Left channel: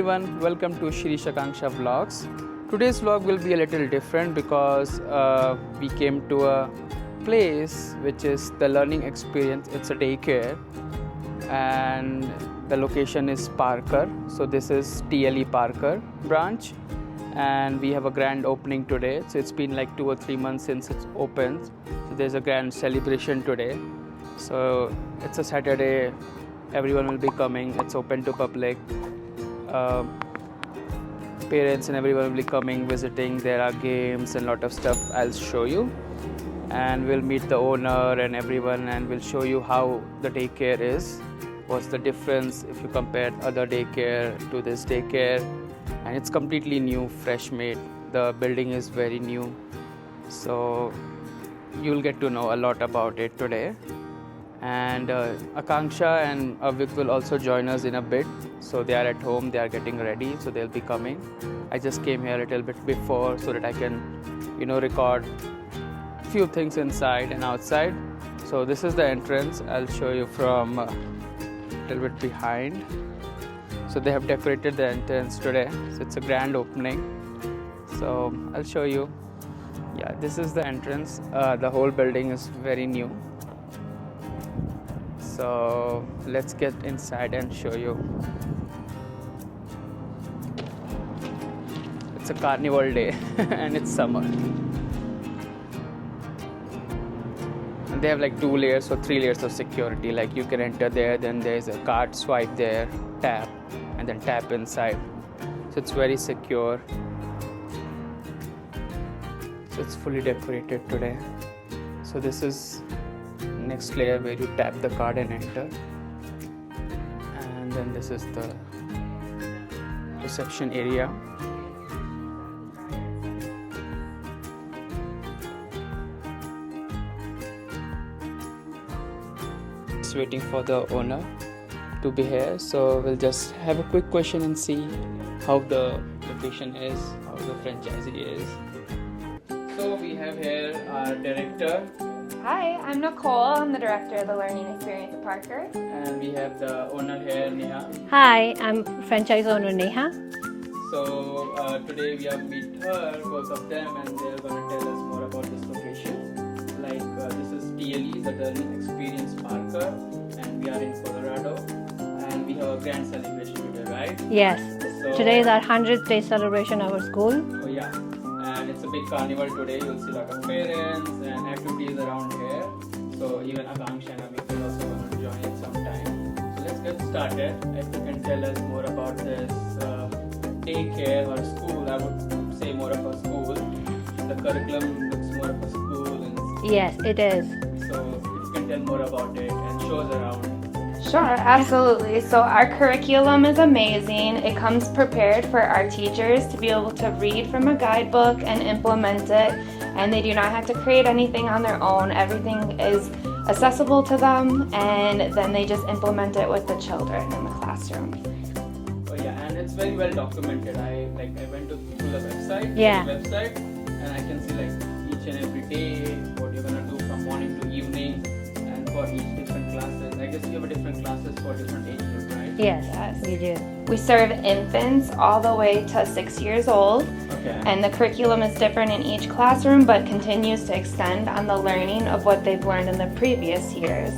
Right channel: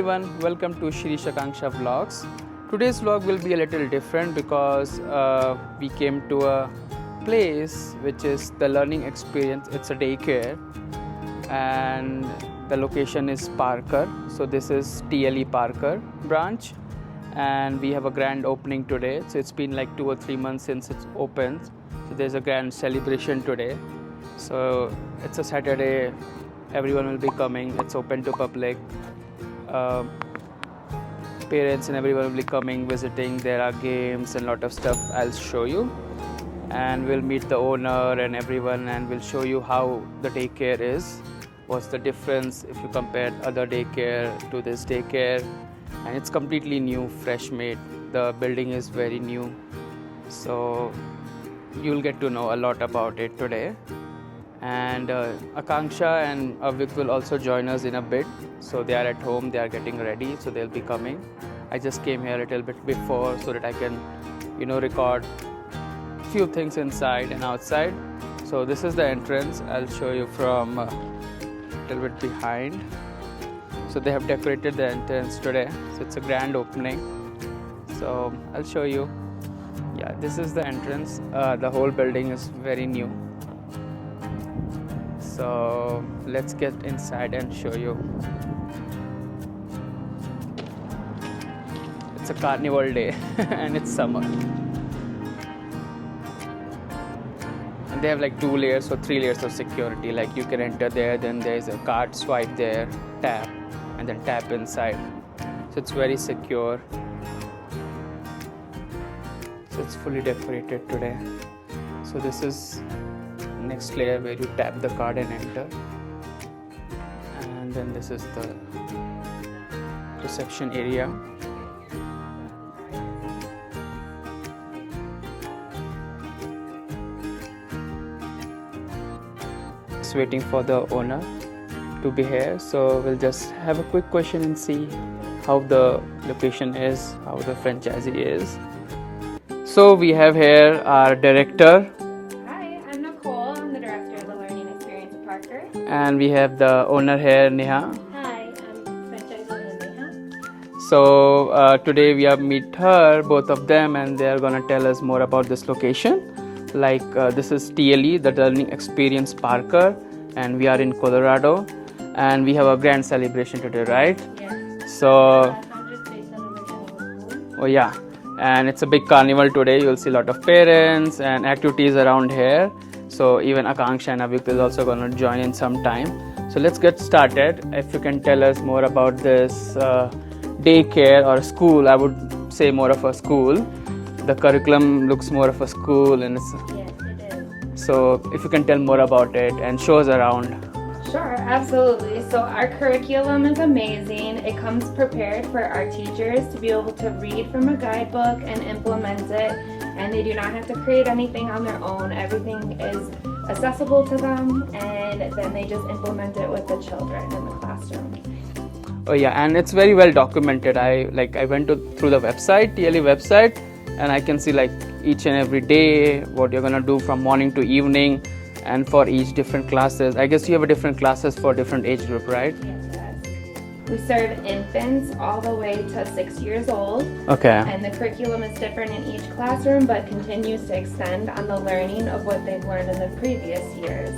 everyone, welcome to Shri Shakansha Vlogs. Today's vlog will be a little different because we came to a place which is the learning experience. It's a daycare and the location is Parker. So this is TLE Parker branch and we have a grand opening today. So it's been like 2 or 3 months since it's opened. So there's a grand celebration today. So it's a Saturday, everyone will be coming, it's open to public. Parents and everyone will be coming, visiting. There are games and lot of stuff I'll show you, and we'll meet the owner and everyone, and we'll show you how the daycare is, what's the difference if you compare other daycare to this daycare. And it's completely new, fresh made. The building is very new, so you'll get to know a lot about it today. And Akanksha and Avik will also join us in a bit. So they are at home, they are getting ready, so they'll be coming. I just came here a little bit before so that I can, record few things inside and outside. So this is the entrance. I'll show you from a little bit behind. So they have decorated the entrance today. So it's a grand opening. So I'll show you. Yeah, this is the entrance. The whole building is very new. So let's get inside and show you. It's a carnival day and it's summer. And they have like 2 layers or 3 layers of security. Like you can enter there, then there's a card swipe there, tap, and then tap inside. So it's very secure. So it's fully decorated today. So this is next layer where you tap the card and enter, and then this is the reception area. Just waiting for the owner to be here, so we'll just have a quick question and see how the location is, how the franchisee is. So we have here our director. I'm the director of the Learning Experience at Parker. And we have the owner here, Neha. Hi, I'm franchise owner Neha. So today we have meet her, both of them, and they are going to tell us more about this location. Like this is TLE, the Learning Experience Parker, and we are in Colorado. And we have a grand celebration today, right? Yes. So today is our 100th day celebration of our school. Oh yeah. And it's a big carnival today. You'll see a lot of parents and activities around here. So even Akanksha and Avik is also going to join in some time. So let's get started. If you can tell us more about this daycare or school. I would say more of a school. The curriculum looks more of a school. And yes, it is. So if you can tell more about it and show us around. Sure, absolutely. So our curriculum is amazing. It comes prepared for our teachers to be able to read from a guidebook and implement it. And they do not have to create anything on their own. Everything is accessible to them, and then they just implement it with the children in the classroom. Oh yeah, and it's very well documented. I went through the website, TLE website, and I can see like each and every day what you're gonna do from morning to evening, and for each different classes. I guess you have a different classes for different age group, right? Yes, we do. We serve infants all the way to 6 years old. Okay. And the curriculum is different in each classroom, but continues to extend on the learning of what they've learned in the previous years.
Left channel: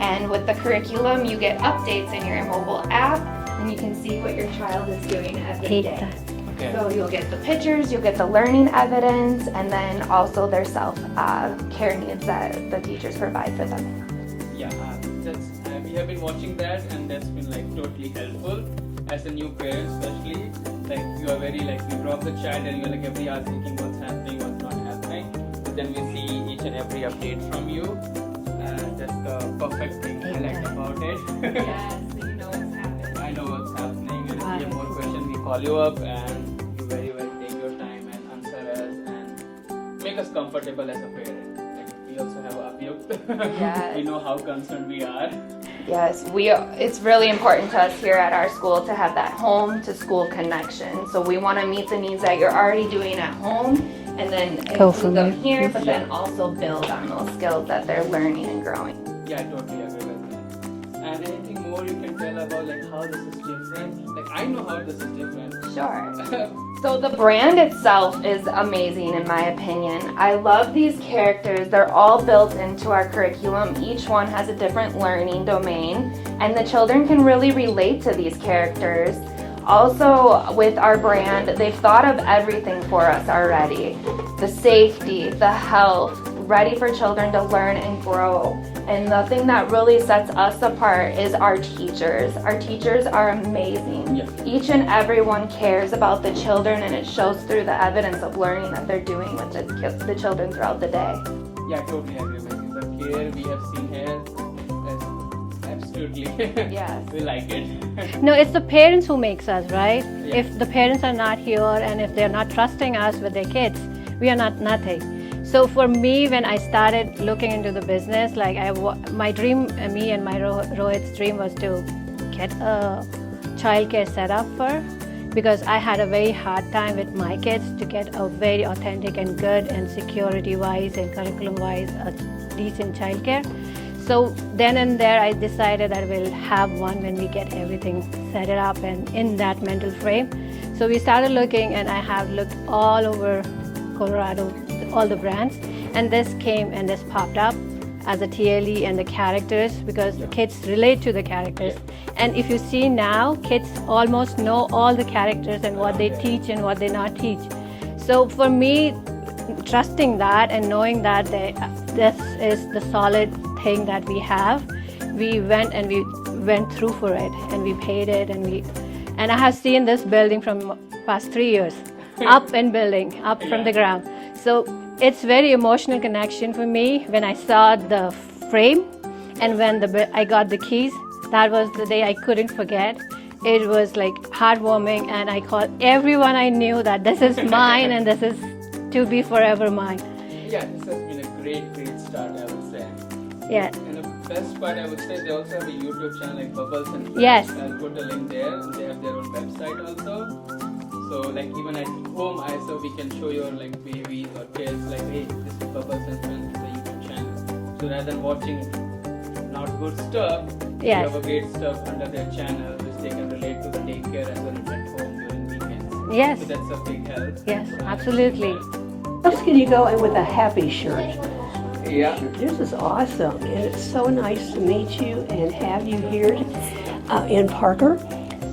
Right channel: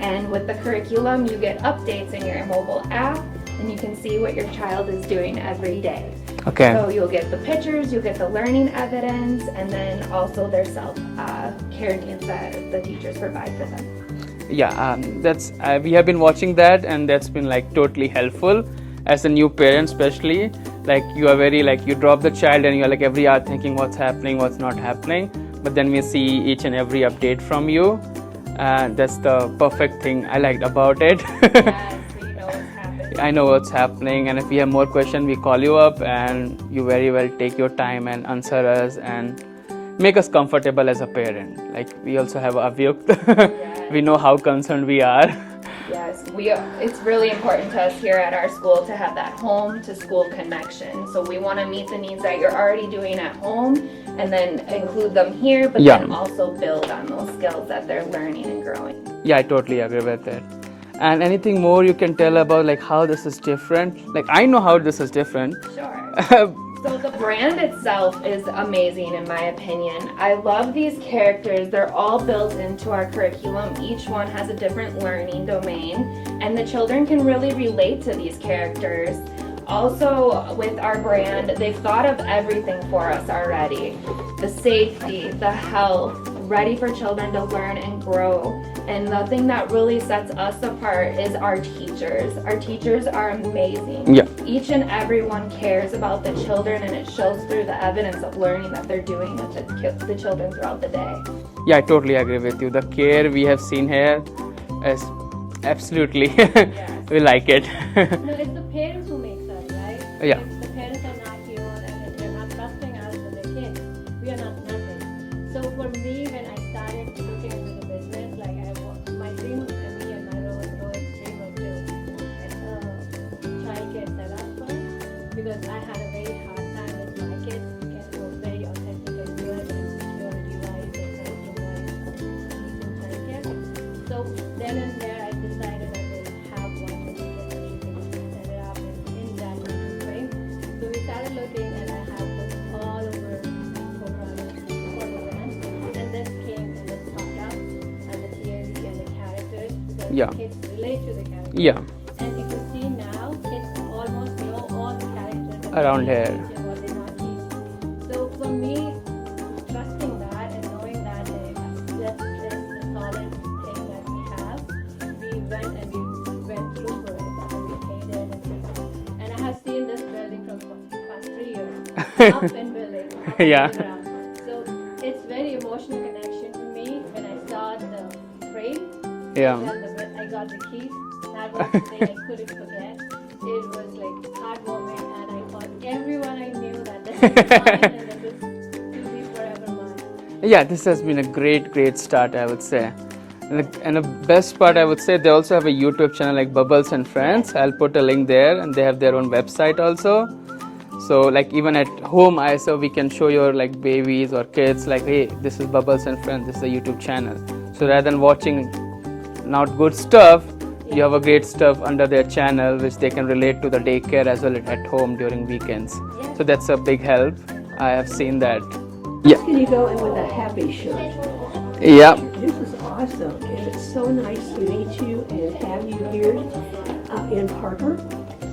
And with the curriculum, you get updates in your mobile app, and you can see what your child is doing every day. Okay. So you'll get the pictures, you'll get the learning evidence, and then also their self-care needs that the teachers provide for them. Yeah, that's we have been watching that, and that's been like totally helpful. As a new parent especially, like you are very like you drop the child and you're like every hour thinking what's happening, what's not happening, but then we see each and every update from you. That's the perfect thing I liked about it. Yes, so you know what's happening. I know what's happening, and if we have more questions we call you up, and you very well take your time and answer us and make us comfortable as a parent. Like we also have Avyuk. Yes. We know how concerned we are. Yes, it's really important to us here at our school to have that home to school connection. So we want to meet the needs that you're already doing at home and then include them here, but then also build on those skills that they're learning and growing. Yeah, I totally agree with it. And anything more you can tell about like how this is different? Like I know how this is different. Sure. So the brand itself is amazing in my opinion. I love these characters. They're all built into our curriculum. Each one has a different learning domain and the children can really relate to these characters. Also with our brand, they've thought of everything for us already. The safety, the health, ready for children to learn and grow. And the thing that really sets us apart is our teachers. Our teachers are amazing. Yeah. Each and every one cares about the children and it shows through the evidence of learning that they're doing with the children throughout the day. Yeah, I totally agree with you. The care we have seen here is absolutely, Yes. we like it. No, it's the parents who makes us, right? Yeah. If the parents are not here and if they're not trusting us with their kids, we are not nothing. So for me, when I started looking into the business, like my dream, me and my Rohit's dream was to get a childcare set up for, because I had a very hard time with my kids to get a very authentic and good and security-wise and curriculum-wise a decent childcare. So then and there, I decided I will have one when we get everything set it up and in that mental frame. So we started looking, and I have looked all over Colorado, all the brands, and this came and this popped up as a TLE and the characters, because Yeah. kids relate to the characters. Yeah. And if you see now, kids almost know all the characters and what Around they here. teach and what they not teach. So for me, trusting that and knowing that this is the solid thing that we have, we went through for it and we paid it, and I have seen this building from past 3 years, up and building, up Yeah. from the ground. So it's very emotional connection for me when I saw the frame. Yeah. And when I got the keys, that was the day I couldn't forget. It was like heartwarming, and I called everyone I knew that this is mine and this is to be forever mine. Yeah, this has been a great start, I would say. Yeah. And the best part, I would say, they also have a YouTube channel like Bubbles and Friends. Yes. I'll put a link there, and they have their own website also. So like even at home, we can show your like babies or kids like, hey, this is Bubbles and Friends, this is a YouTube channel. So rather than watching not good stuff, Yes. you have a great stuff under their channel which they can relate to the daycare as well at home during weekends. Yes. So that's a big help. Yes, I have seen that. absolutely. Can you go in with a happy shirt? Yeah. This is awesome, and it's so nice to meet you and have you here in Parker.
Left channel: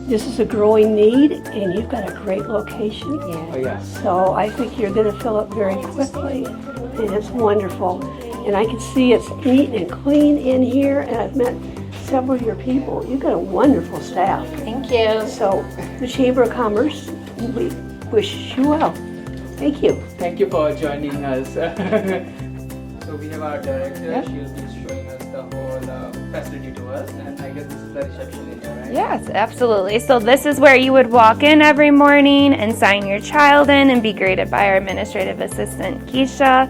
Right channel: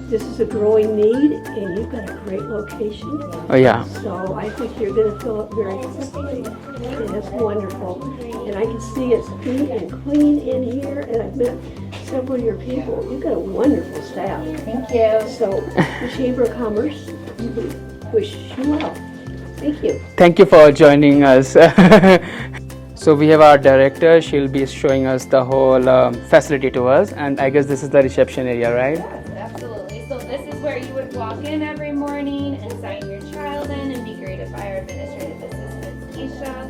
This is a growing need, and you've got a great location. Oh yeah. So I think you're going to fill up very quickly, and it's wonderful. And I can see it's neat and clean in here, and I've met several of your people. You've got a wonderful staff. Thank you. So the Chamber of Commerce, we wish you well. Thank you. Thank you for joining us. So we have our director. She'll be showing us the whole facility to us, and I guess this is the reception area, right? Yes, absolutely. So this is where you would walk in every morning and sign your child in and be greeted by our administrative assistant, Keisha.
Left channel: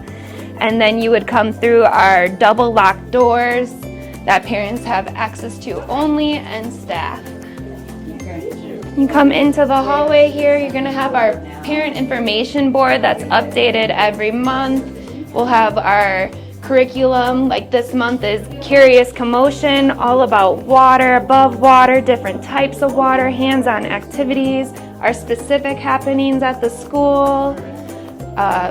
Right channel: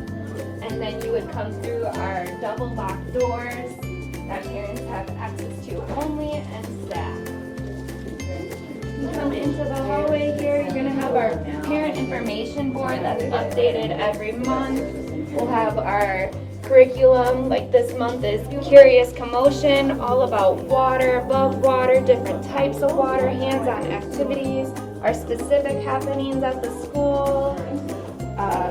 And then you would come through our double locked doors that parents have access to only, and staff. You come into the hallway here, you're gonna have our parent information board that's updated every month. We'll have our curriculum, like this month is Curious Commotion, all about water, above water, different types of water, hands-on activities, our specific happenings at the school,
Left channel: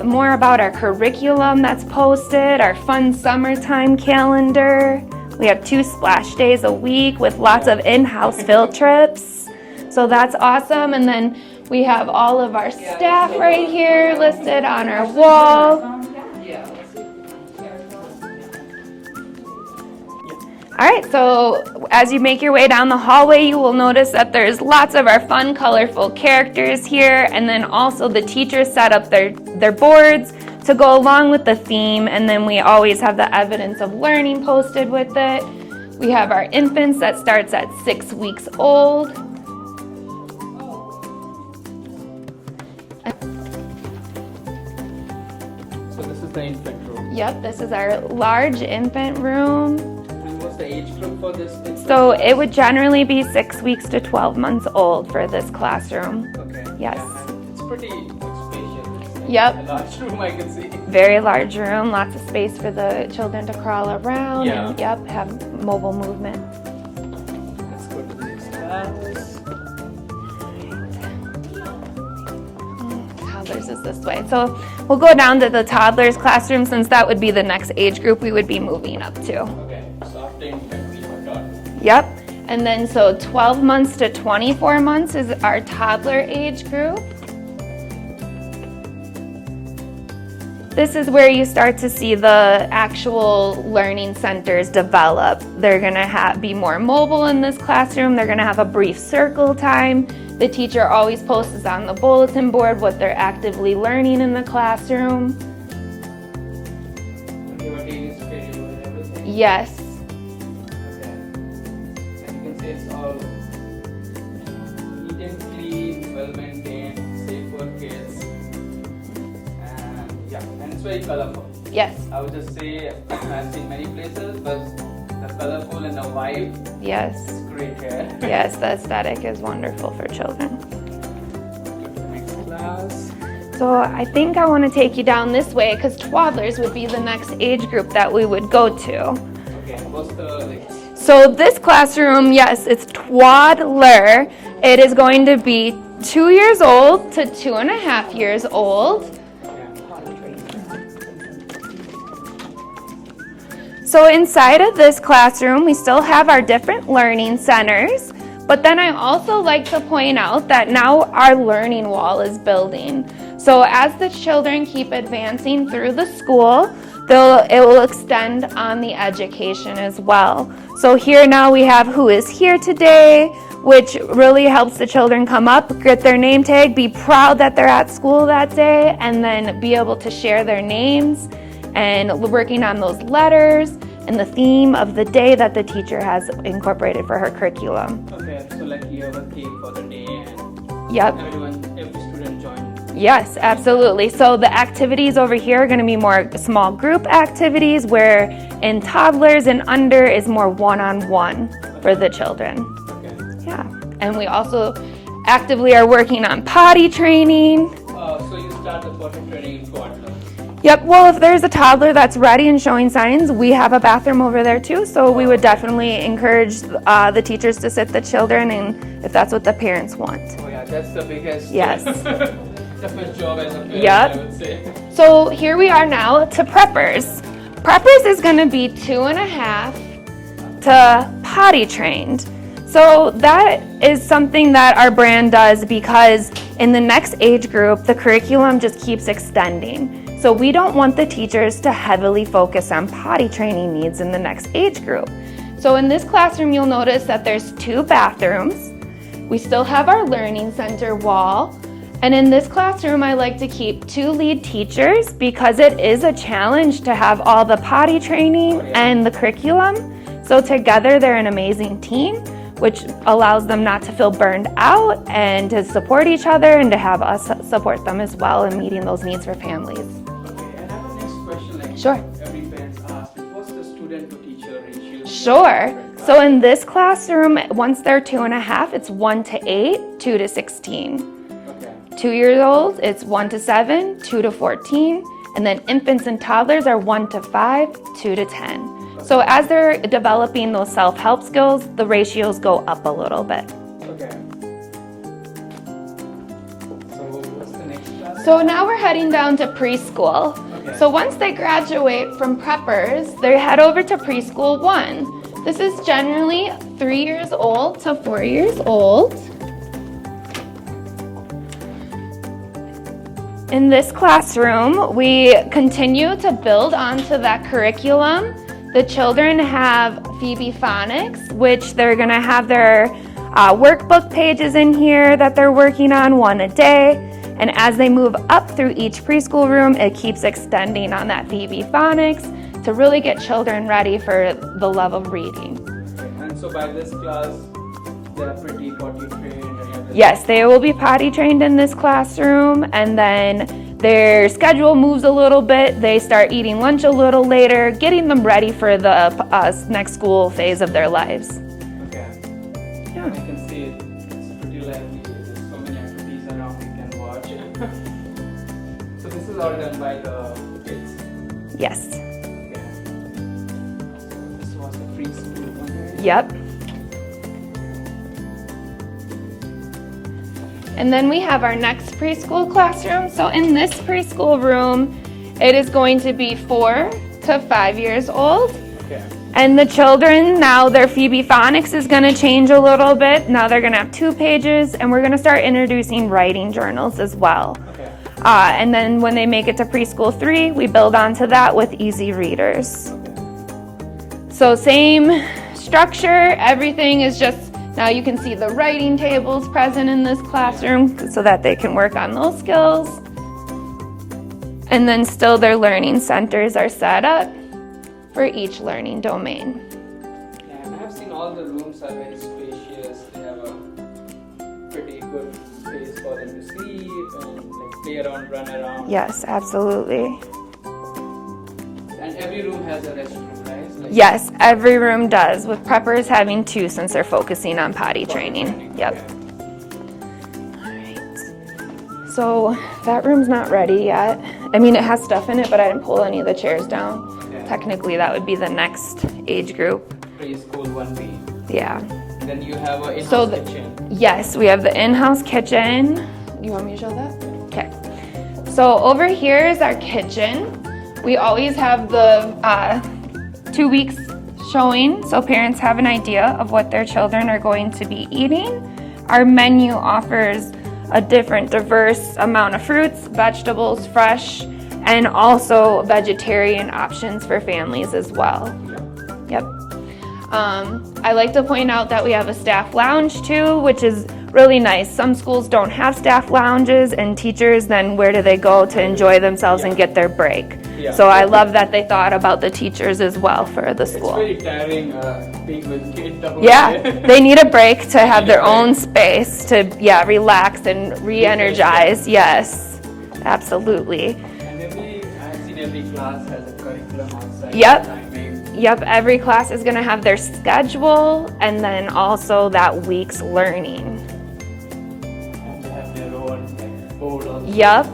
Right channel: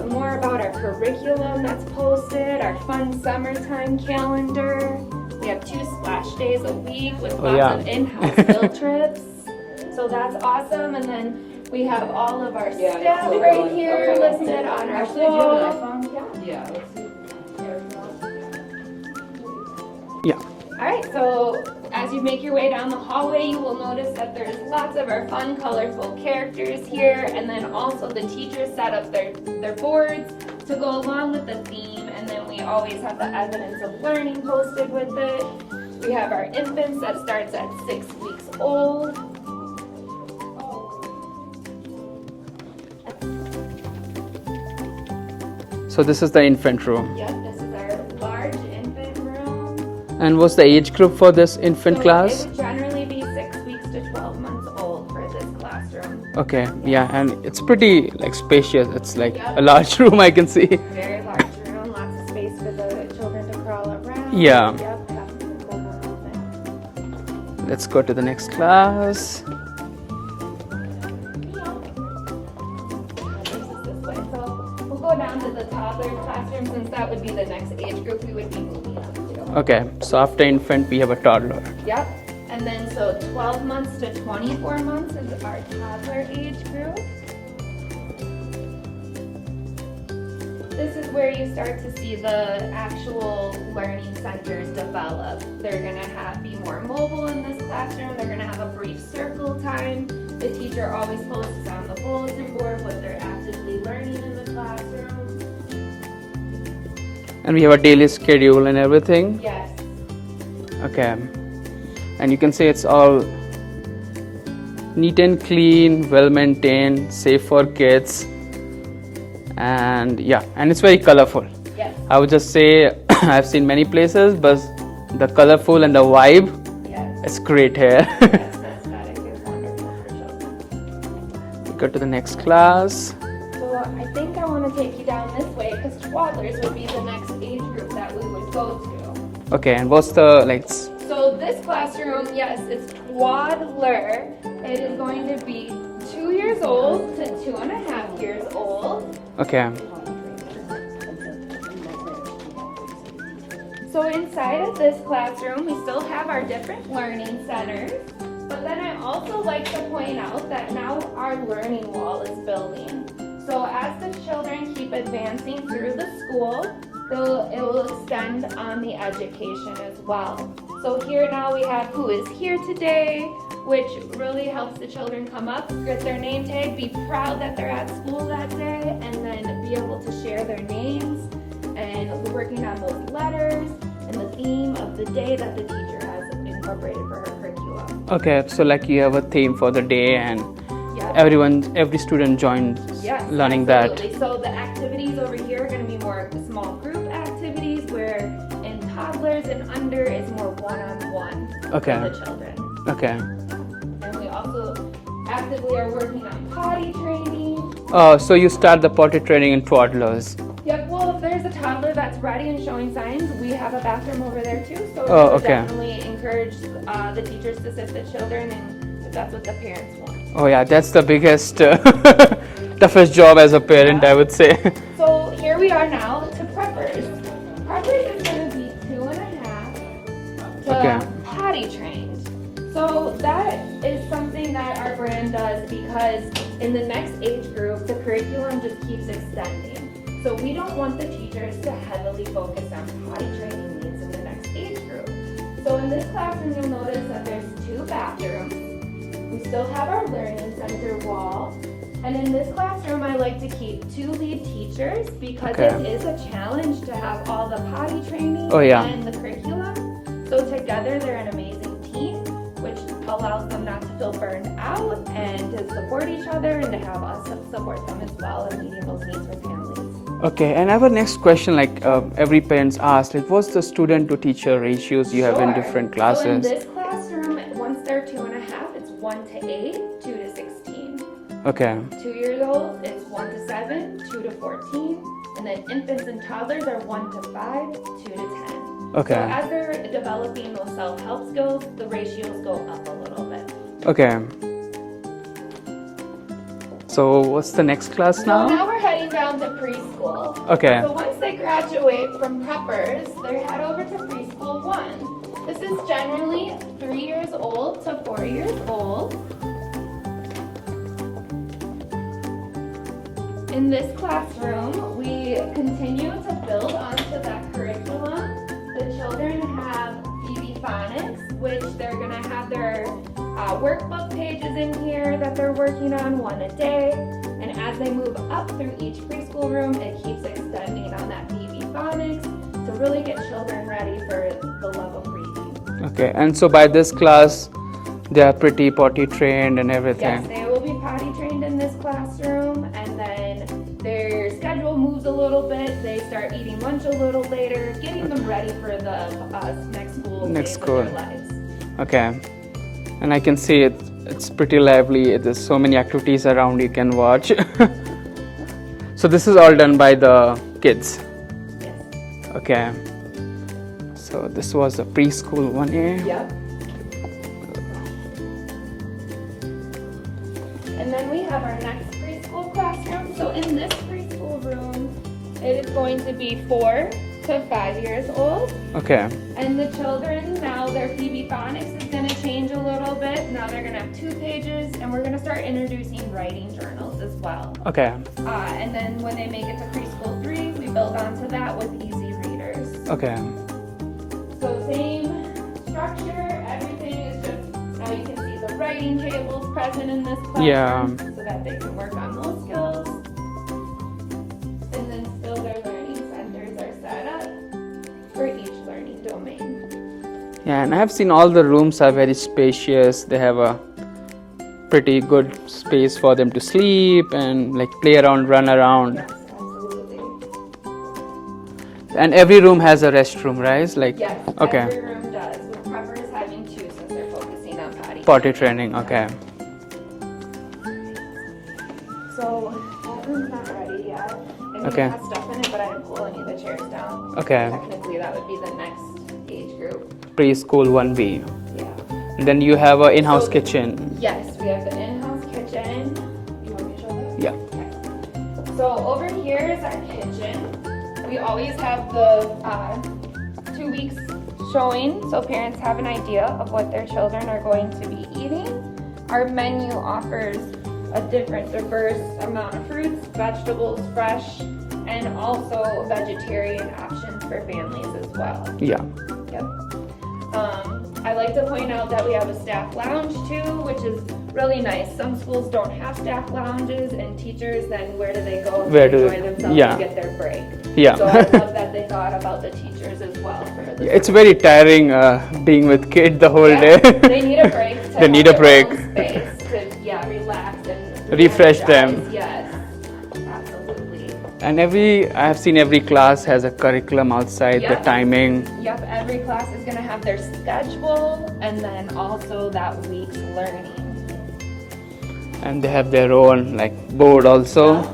more about our curriculum that's posted, our fun summertime calendar. We have 2 splash days a week with lots Yeah. of in-house field trips. So that's awesome. And then we have all of our staff right here listed on our wall. Yeah. All right, so as you make your way down the hallway, you will notice that there's lots of our fun, colorful characters here, and then also the teachers set up their boards to go along with the theme, and then we always have the evidence of learning posted with it. We have our infants that starts at 6 weeks old. So this is the infant room. Yep, this is our large infant room. And what's the age group for this infant So class? it would generally be 6 weeks to 12 months old for this classroom. Okay. Yes. Yeah, and it's pretty like spacious. It's like Yep. a large room, I can see. Very large room, lots of space for the children to crawl around. Yeah. Yep, have mobile movement. let's go to the next class. Toddlers is this way. So we'll go down to the toddlers classroom since that would be the next age group we would be moving up to. Okay, so after infant, we have a toddler. Yep. And then so 12 months to 24 months is our toddler age group. This is where you start to see the actual learning centers develop. They're gonna be more mobile in this classroom. They're gonna have a brief circle time. The teacher always posts on the bulletin board what they're actively learning in the classroom. And we have a daily schedule and everything. Yes. Okay. And you can see it's all neat and clean, well maintained, safe for kids. And yeah, and it's very colorful. Yes. I would just say I've seen many places, but the colorful and the vibe, Yes. it's great here. Yes, the aesthetic is wonderful for children. Go to the next class. So I think I want to take you down this way because toddlers would be the next age group that we would go to. Okay, and what's the So this classroom, yes, it's toddler. It is going to be 2 years old to 2.5 years old. okay. So inside of this classroom, we still have our different learning centers, but then I also like to point out that now our learning wall is building. So as the children keep advancing through the school, it will extend on the education as well. So here now we have who is here today, which really helps the children come up, get their name tag, be proud that they're at school that day, and then be able to share their names and working on those letters and the theme of the day that the teacher has incorporated for her curriculum. Okay, so like you have a theme for the day and Yep. every student joined. Yes, learning absolutely. So the activities over here are going to be more small group activities, where in toddlers and under is more one-on-one for Okay. the children. Okay. Yeah. And we also actively are working on potty training. Oh, so you start the potty training in toddlers. Yep, well, if there's a toddler that's ready and showing signs, we have a bathroom over there too. So we would okay. definitely encourage the teachers to sit the children, and if that's what the parents want. Oh yeah, that's the biggest, Yes. toughest job as a parent, Yeah. I would say. So here we are now to preppers. Preppers is going to be 2.5 to potty trained. So that is something that our brand does because in the next age group, the curriculum just keeps extending. So we don't want the teachers to heavily focus on potty training needs in the next age group. So in this classroom, you'll notice that there's 2 bathrooms. We still have our learning center wall. And in this classroom, I like to keep 2 lead teachers because it is a challenge to have all the potty training Oh, yeah. and the curriculum. So together, they're an amazing team, which allows them not to feel burned out and to support each other and to have us support them as well in meeting those needs for families. Okay, and I have a next question. Sure. Every parent's asked, what's the student to teacher ratios you have in different Sure. classes? So in this classroom, once they're 2.5, it's 1 to 8, 2 to 16. Okay. 2 years old, it's 1 to 7, 2 to 14, and then infants and toddlers are 1 to 5, 2 to 10. Okay. So as they're developing those self-help skills, the ratios go up a little bit. Okay. So what's the next class So now we're heading down to preschool. Okay. So once they graduate from preppers, they head over to preschool 1. This is generally 3 years old to 4 years old. In this classroom, we continue to build onto that curriculum. The children have Phoebe Phonics, which they're gonna have their workbook pages in here that they're working on, 1 a day. And as they move up through each preschool room, it keeps extending on that Phoebe Phonics to really get children ready for the love of reading. Okay, and so by this class, they are pretty potty trained and everything. Yes, they will be potty trained in this classroom, and then their schedule moves a little bit. They start eating lunch a little later, getting them ready for the next school phase of their school. lives. Okay. And I can see it's pretty lively. There's so many activities around you can watch. So this is all done by the kids. Yes. Okay. So this was the preschool one here. Yep. And then we have our next preschool classroom. So in this preschool room, it is going to be 4 to 5 years old. Okay. And the children, now their Phoebe phonics is gonna change a little bit. Now they're gonna have 2 pages, and we're gonna start introducing writing journals as well. Okay. And then when they make it to preschool 3, we build onto that with easy readers. Okay. So same structure, everything is just, now you can see the writing tables present in this classroom so that they can work on those skills. And then still their learning centers are set up for each learning domain. Yeah, and I have seen all the rooms are very spacious. They have a pretty good space for them to sleep and like play around, run around. Yes, absolutely. And every room has a restroom, right? Like Yes, okay. every room does, with preppers having 2 since they're focusing on potty training. Okay. Yep. So that room's not ready yet. I mean, it has stuff in it, but I didn't pull any of the chairs down. Okay. Technically, that would be the next age group. Preschool 1B. Yeah. And then you have an in-house So kitchen. Yes, we have the in-house kitchen. You want me to show that? Yeah. Okay. So over here is our kitchen. We always have the 2 weeks showing, so parents have an idea of what their children are going to be eating. Our menu offers a different diverse amount of fruits, vegetables, fresh, and also vegetarian options for families as well. Yeah. Yep. I like to point out that we have a staff lounge too, which is really nice. Some schools don't have staff lounges, and teachers, then where do they go to enjoy themselves and get their break? Yeah. So I love that they thought about the teachers as well for the school. It's very tiring being with kids the whole Yeah, day. they need a break to They have need a their break. own space to relax and Refresh them. re-energize. Yes, absolutely. And I have seen every class has a curriculum outside, Yep. the timing. Yep, every class is gonna have their schedule and then also that week's learning. And they have their own like board also. Yep.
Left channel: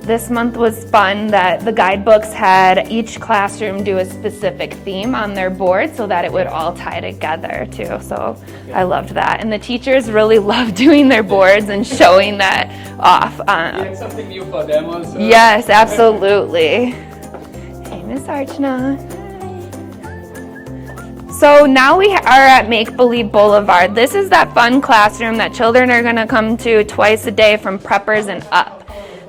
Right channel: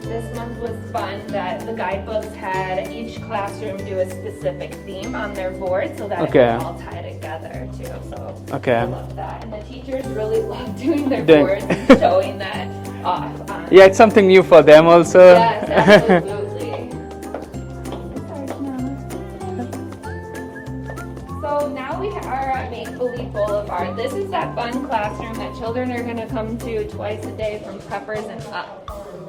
This month was fun that the guidebooks had each classroom do a specific theme on their board so that it would Okay. all tie together too. So Okay. I loved that. And the teachers really loved doing their boards and showing that off. Yeah, it's something new for them also. Yes, absolutely. Hey, Miss Archana. So now we are at Make Believe Boulevard. This is that fun classroom that children are gonna come to twice a day from preppers and up.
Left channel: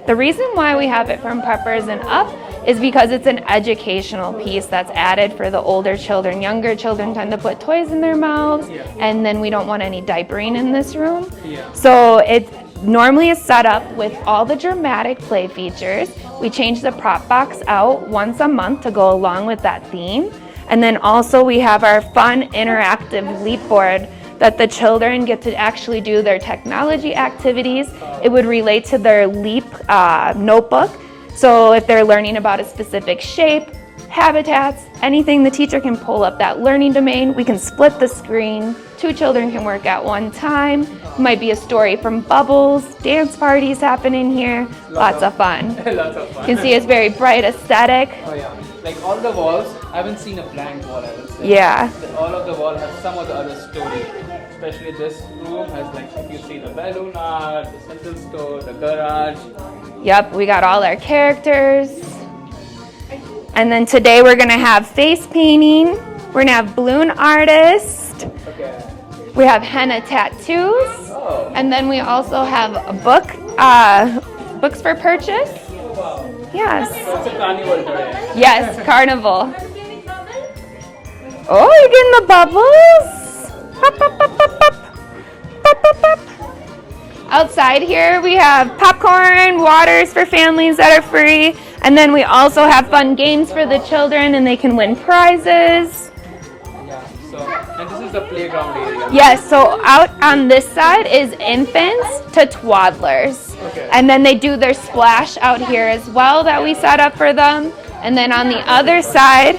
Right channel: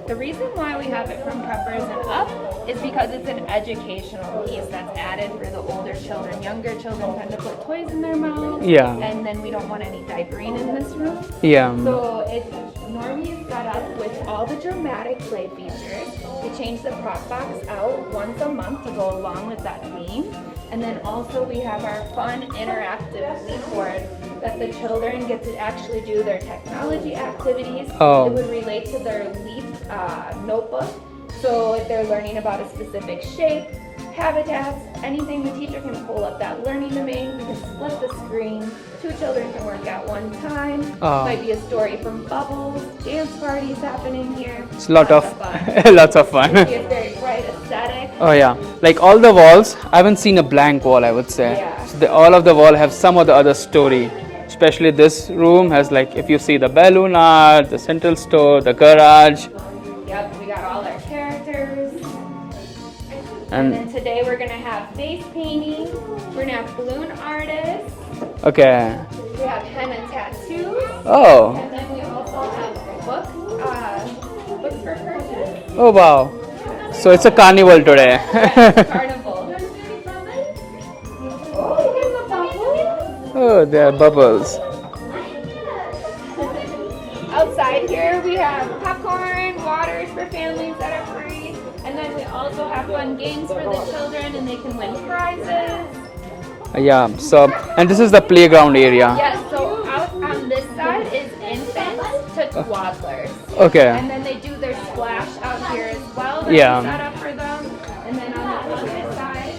The reason why we have it from preppers and up is because it's an educational piece that's added for the older children. Younger children tend to put toys in their mouths, Yeah. and then we don't want any diapering in this room. Yeah. So it normally is set up with all the dramatic play features. We change the prop box out once a month to go along with that theme. And then also we have our fun interactive leap board that the children get to actually do their technology activities. Oh. It would relate to their LEAP notebook. So if they're learning about a specific shape, habitats, anything, the teacher can pull up that learning domain. We can split the screen. 2 children can work at one time. Oh. Might be a story from Bubbles, dance parties happening here. It's Lots of fun. Lots of fun. You can see it's very bright aesthetic. Oh yeah, like all the walls, I haven't seen a blank wall, I would say. Yeah. All of the wall have some or the other story. Especially this room has like, if you see the balloon art, the central store, the garage. Yep, we got all our characters. And then today we're gonna have face painting. We're gonna have balloon artist. Okay. We have henna tattoos. Oh. And then we also have a book, books for purchase. Oh wow. Yes. So it's a carnival today. Yes, Carnival. Oh, you're getting the bubbles? Oh, there are bubbles. Outside here we have popcorn, waters for families that are free, and then we also have fun games for the children and they can win prizes. Yeah, so, and this is the playground area. Yes, so out on this side is infants to toddlers. Okay. And then they do their splash out here as well that we set up for them. And then on the other side,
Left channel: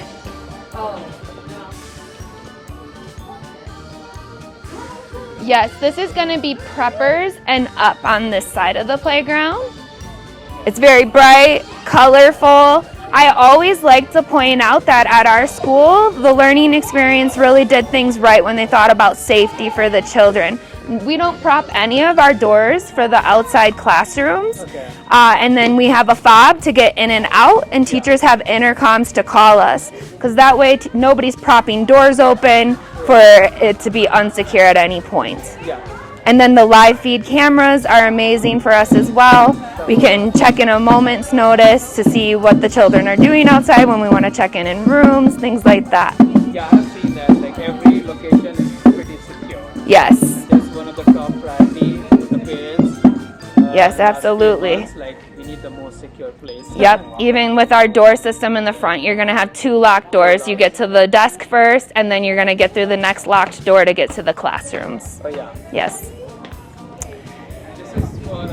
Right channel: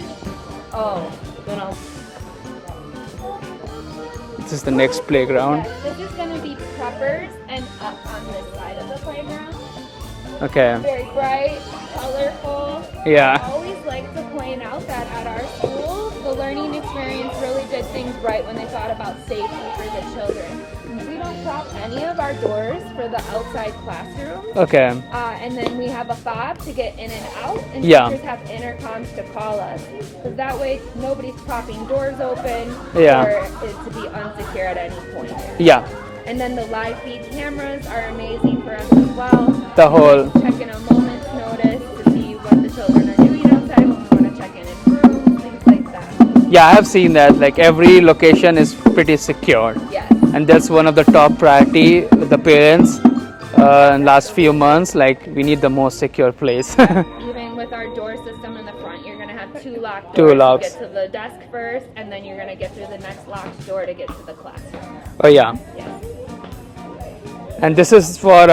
this is the next playground. yes, this is going to be preppers and up on this side of the playground. Okay. It's very bright, colorful. Yeah. I always like to point out that at our school, the learning experience really did things right when they thought about safety for the children. We don't prop any of our doors for the outside classrooms. Okay. And then we have a fob to get in and out, and Yeah. teachers have intercoms to call us, because that way nobody's propping doors open Yeah. for it to be unsecure at any point. Yeah. And then the live feed cameras are amazing for us as well. We can check in a moment's notice to see what the children are doing outside when we want to check in rooms, things like that. Yeah, I have seen that. Like every location is pretty secure. Yes. And that's one of the top priority with the parents Yes, in the last few absolutely. months. Like we need the most secure place. Yep. Even with our door system in the front, you're going to have 2 locked doors. You locks. get to the desk first, and then you're going to get through the next locked door to get to the classrooms. Oh yeah. Yes. And this is for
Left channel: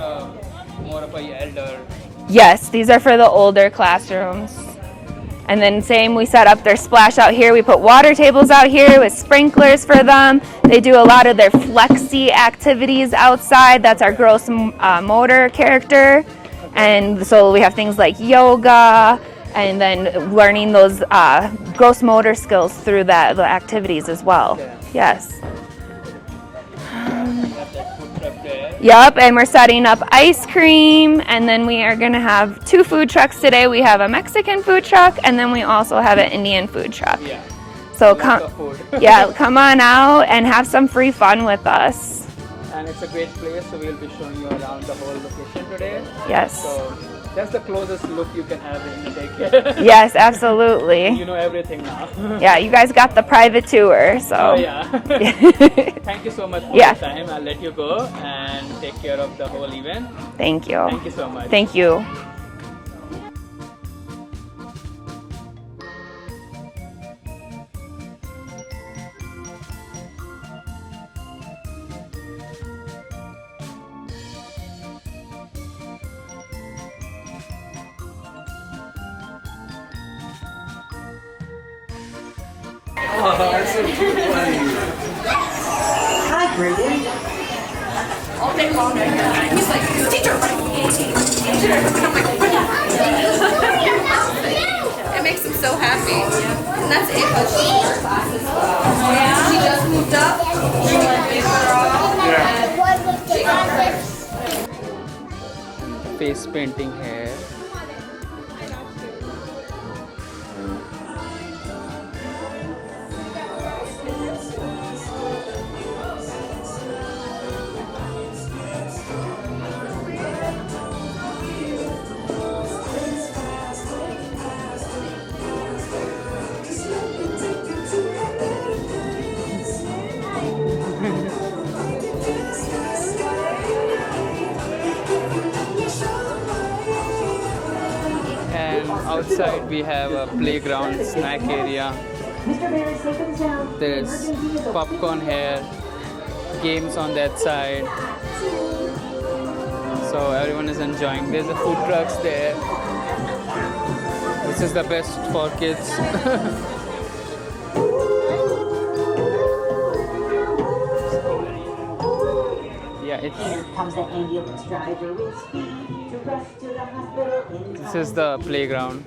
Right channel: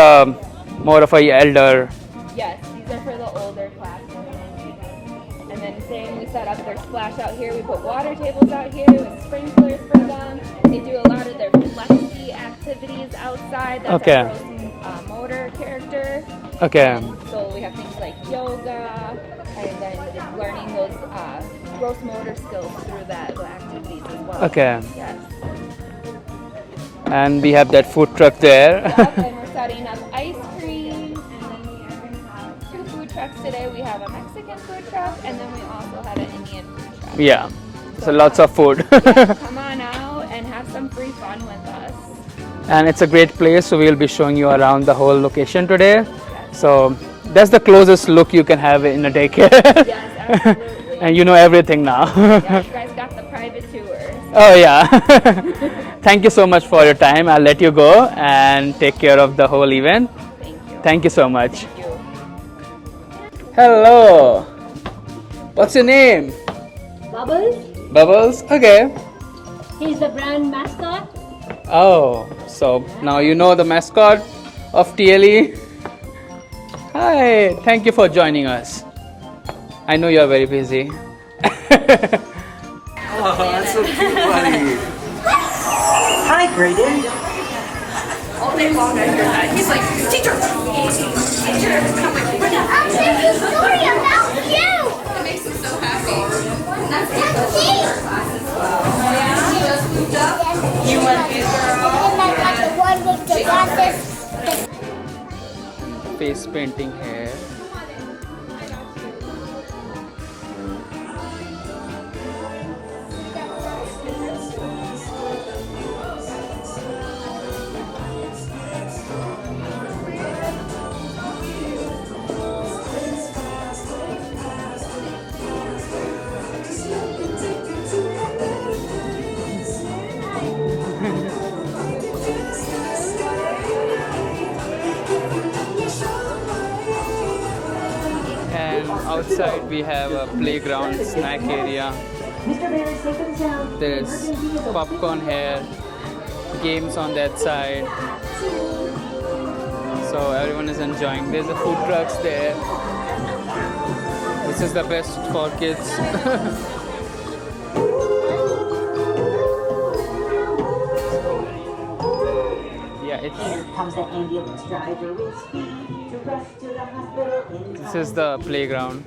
more of a elder. Yes, these are for the older classrooms. And then same, we set up their splash out here. We put water tables out here with sprinklers for them. They do a lot of their flexi activities outside. That's Okay. our gross motor character. Okay. And so we have things like yoga, and then learning those gross motor skills through the activities as well. Okay. Yes. And we have that food truck there. Yep, and we're setting up ice cream, and then we are going to have 2 food trucks today. We have a Mexican food truck, and then we also have an Indian food truck. Yeah. So lots of food. Yeah, come on out and have some free fun with us. And it's a great place, so we'll be showing you around the whole location today. Yes. So that's the closest look you can have in a daycare. Yes, absolutely. And you know everything now. Yeah, you guys got the private tour. So. Oh yeah. Thank you so much for Yeah. your time. I'll let you go and take care of the whole event. Thank you. Thank you so much. Thank you. Hello. What's your name? Bubbles, Bubbles? Okay. he's the brand mascot. Oh, so now you know the mascot of TLE. Hi, thank you for joining us. I know you're very busy. Oh, that's so cute, buddy. Hi, Graydon. All day long I hear that. He's like, teacher, teacher. And I'm like, what the heck? It makes him so happy. And that's Ava's short class as well. Oh yeah? She just moved up. You went Face painting here. And outside we have a playground snack area. There's popcorn here, games on that side. So everyone is enjoying. There's a food trucks there. This is the best for kids. Yeah, Here comes the ambulance driver with speed to rush to the hospital in this is the playground.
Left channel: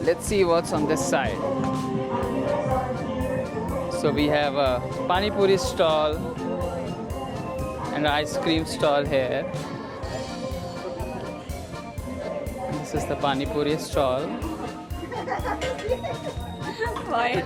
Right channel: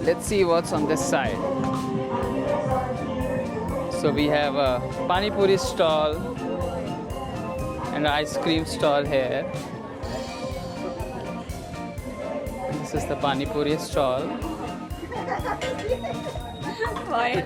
Let's see what's on this side. So we have a pani puri stall and an ice cream stall here. This is the pani puri stall. Why?